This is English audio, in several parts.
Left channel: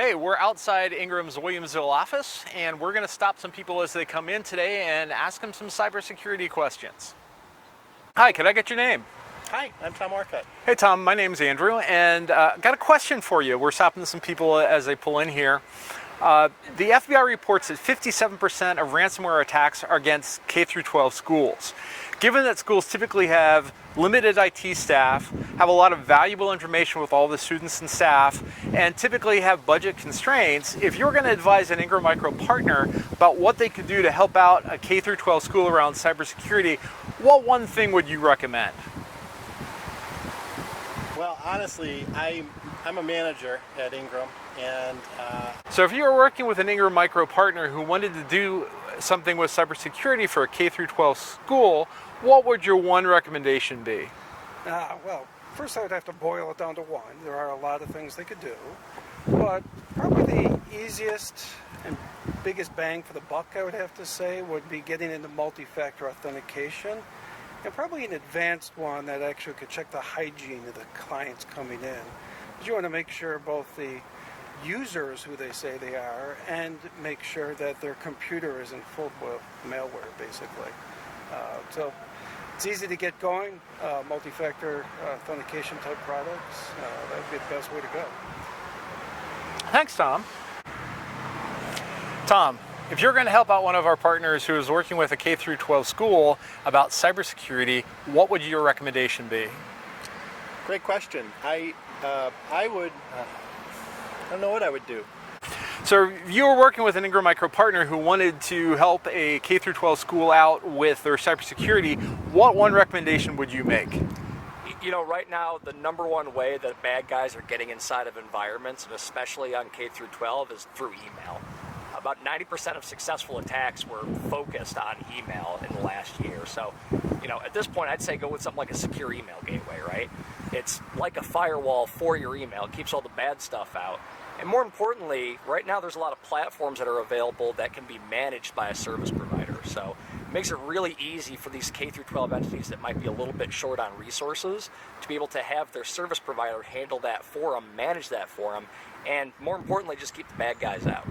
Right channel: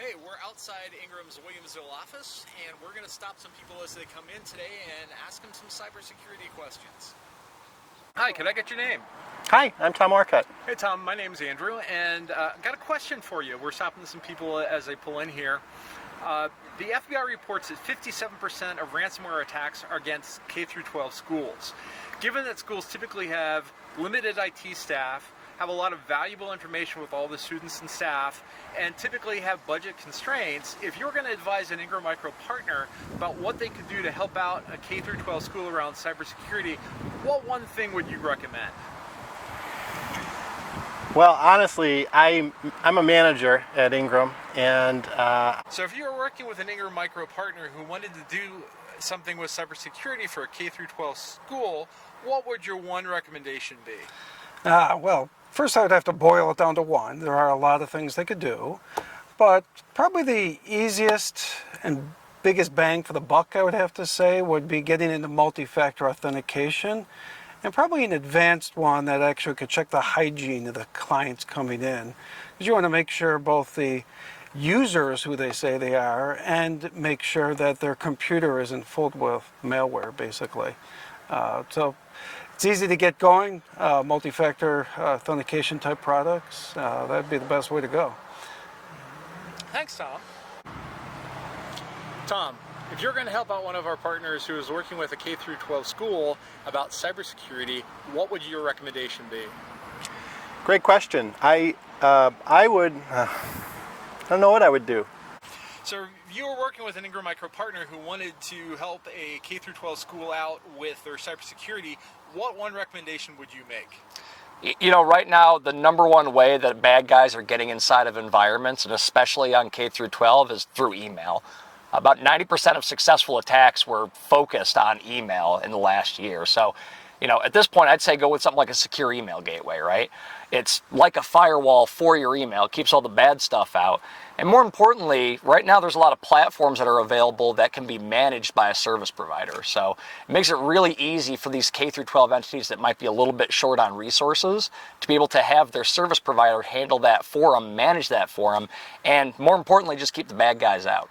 Hey, we're outside Ingram's Williamsville office, and we're going to stop some people as they come in today and ask them some cybersecurity questions. Hi, could I get your name? Hi, I'm Tom Orcutt. Hey Tom, my name's Andrew, and got a question for you. We're stopping some people as they pull in here. The FBI reports that 57% of ransomware attacks are against K-12 schools. Given that schools typically have limited IT staff, have a lot of valuable information with all the students and staff, and typically have budget constraints, if you're going to advise an Ingram Micro partner about what they could do to help out a K-12 school around cybersecurity, what one thing would you recommend? Well, honestly, I'm a manager at Ingram, and So if you were working with an Ingram Micro partner who wanted to do something with cybersecurity for a K-12 school, what would your one recommendation be? Well, first I would have to boil it down to one. There are a lot of things they could do, but probably the easiest and biggest bang for the buck, I would have to say, would be getting into multi-factor authentication, and probably an advanced one that actually could check the hygiene of the clients coming in. Because you want to make sure both the users who they say they are and make sure that their computer isn't filled with malware, basically. So it's easy to get going, multi-factor authentication type products. That'd be the best way to go. Thanks, Tom. Tom, if you're going to help out one of our partners who is working with a K-12 school about cybersecurity, what would your recommendation be? great question. I don't know what I would do. So if you were working with an Ingram Micro partner who wanted to help a K-12 school out with their cybersecurity, what one recommendation would you make? You know, right now, the number one way that bad guys are getting inside of environments, and especially on K-12, is through email. About 90% of successful attacks were focused on email in the last year. So, you know, at this point, I'd say go with something like a secure email gateway, right? It's like a firewall for your email. It keeps all the bad stuff out. And more importantly, right now there's a lot of platforms that are available that can be managed by a service provider. So it makes it really easy for these K-12 entities that might be a little bit short on resources to be able to have their service provider handle that for them, manage that for them, and more importantly, just keep the bad guys out.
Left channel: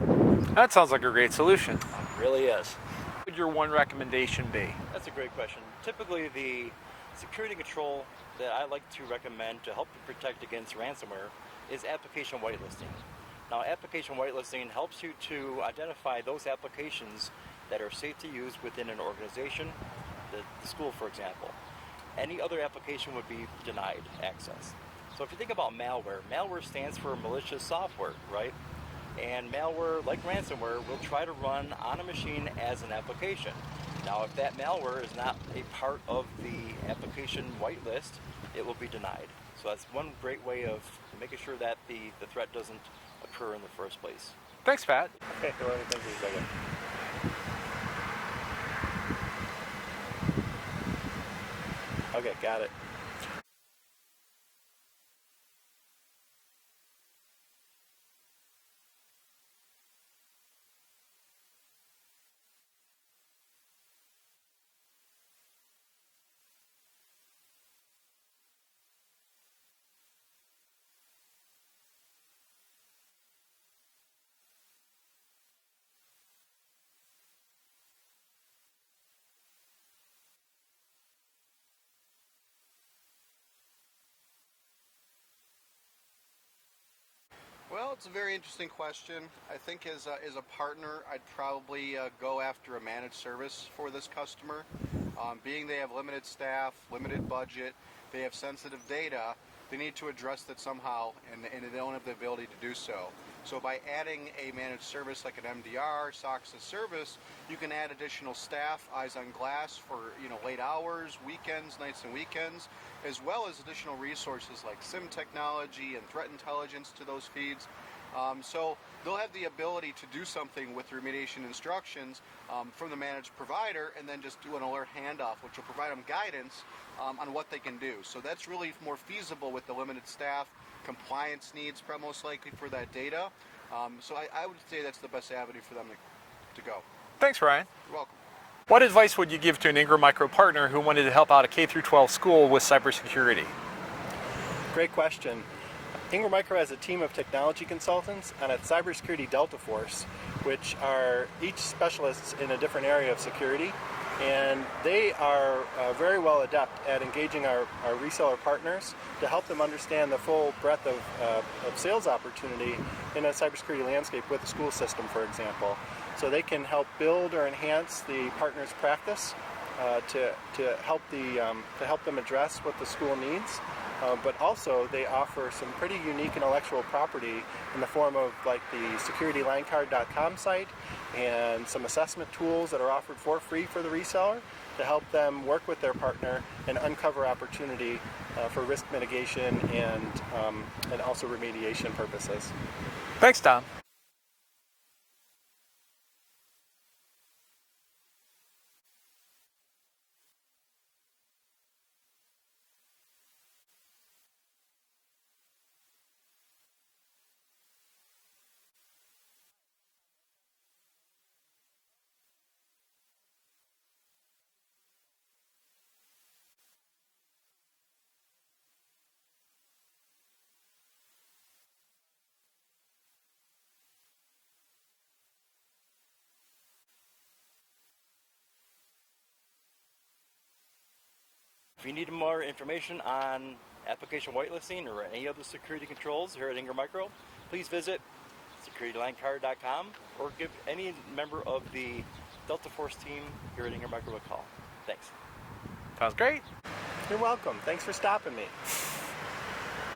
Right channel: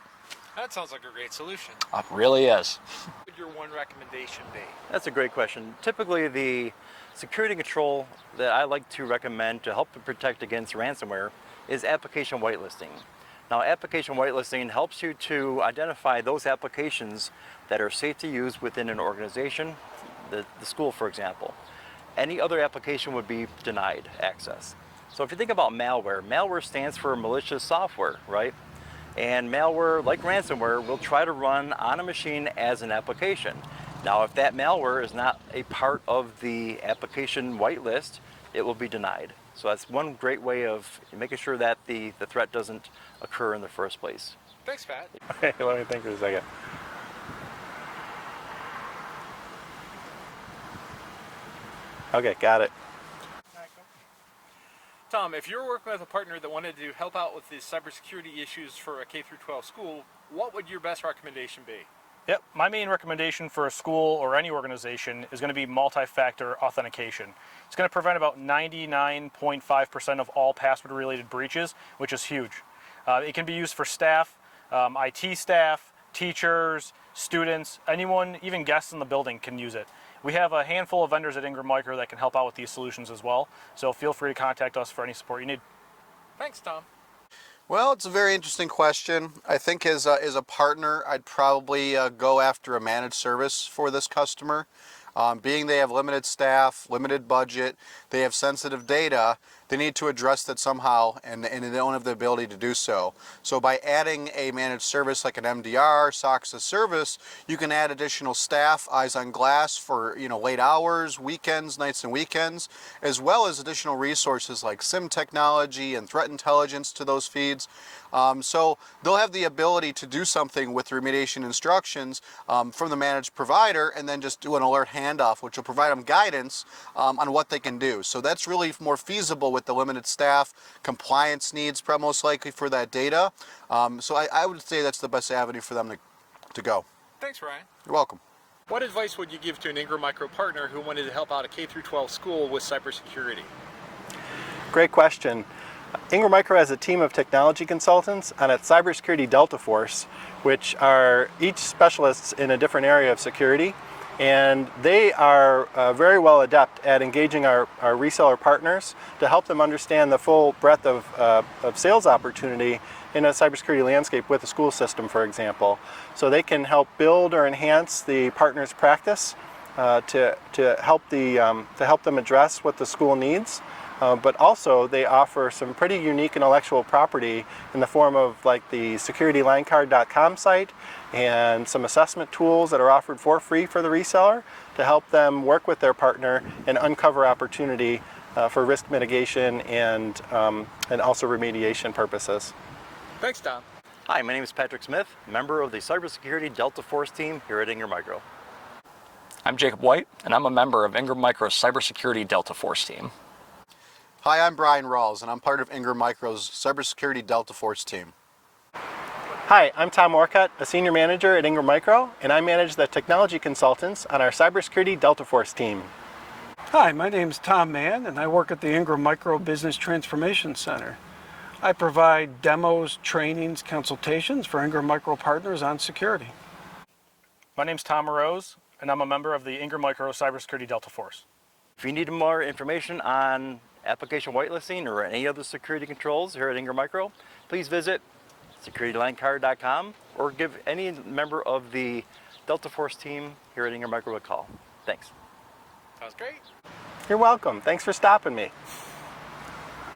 That sounds like a great solution. It really is. What would your one recommendation be? That's a great question. Typically, the security control that I like to recommend to help protect against ransomware is application whitelisting. Now, application whitelisting helps you to identify those applications that are safe to use within an organization, the school, for example. Any other application would be denied access. So if you think about malware, malware stands for malicious software, right? And malware, like ransomware, will try to run on a machine as an application. Now, if that malware is not a part of the application whitelist, it will be denied. So that's one great way of making sure that the threat doesn't occur in the first place. Thanks, Pat. Okay, let me think for a second. Okay, got it. Tom, if you're working with a partner that wanted to help out with the cybersecurity issues for a K-12 school, what would your best recommendation be? Yep, my main recommendation for a school or any organization is going to be multi-factor authentication. It's going to prevent about 99.5% of all password-related breaches, which is huge. It can be used for staff, IT staff, teachers, students, anyone, even guests in the building can use it. We have a handful of vendors at Ingram Micro that can help out with these solutions as well, so feel free to contact us for any support you need. Thanks, Tom. Well, it's a very interesting question. I think as a partner, I'd probably go after a managed service for this customer. Being they have limited staff, limited budget, they have sensitive data, they need to address that somehow, and they don't have the ability to do so. So by adding a managed service like an MDR, SOC as a service, you can add additional staff, eyes on glass for late hours, weekends, nights and weekends, as well as additional resources like SIM technology and threat intelligence to those feeds. So they'll have the ability to do something with remediation instructions from the managed provider and then just do an alert handoff, which will provide them guidance on what they can do. So that's really more feasible with the limited staff, compliance needs most likely for that data. So I would say that's the best avenue for them to go. Thanks, Ryan. You're welcome. What advice would you give to an Ingram Micro partner who wanted to help out a K-12 school with cybersecurity? Great question. Ingram Micro has a team of technology consultants on its Cybersecurity Delta Force, which are each specialists in a different area of security. And they are very well adept at engaging our reseller partners to help them understand the full breadth of sales opportunity in a cybersecurity landscape with a school system, for example. So they can help build or enhance the partner's practice to help them address what the school needs. But also they offer some pretty unique intellectual property in the form of like the securitylinecard.com site and some assessment tools that are offered for free for the reseller to help them work with their partner and uncover opportunity for risk mitigation and also remediation purposes. Thanks, Tom. Hi, my name is Patrick Smith, member of the Cybersecurity Delta Force team here at Ingram Micro. I'm Jacob White, and I'm a member of Ingram Micro's Cybersecurity Delta Force team. Hi, I'm Brian Rawls, and I'm part of Ingram Micro's Cybersecurity Delta Force team. Hi, I'm Tom Orcutt, a senior manager at Ingram Micro, and I manage the technology consultants on our Cybersecurity Delta Force team. Hi, my name's Tom Mann, and I work at the Ingram Micro Business Transformation Center. I provide demos, trainings, consultations for Ingram Micro partners on security. My name's Tom Rose, and I'm a member of the Ingram Micro Cybersecurity Delta Force. If you need more information on application whitelisting or any other security controls here at Ingram Micro, please visit securitylinecard.com or give any member of the Delta Force team here at Ingram Micro a call. Thanks. Sounds great. You're welcome. Thanks for stopping me.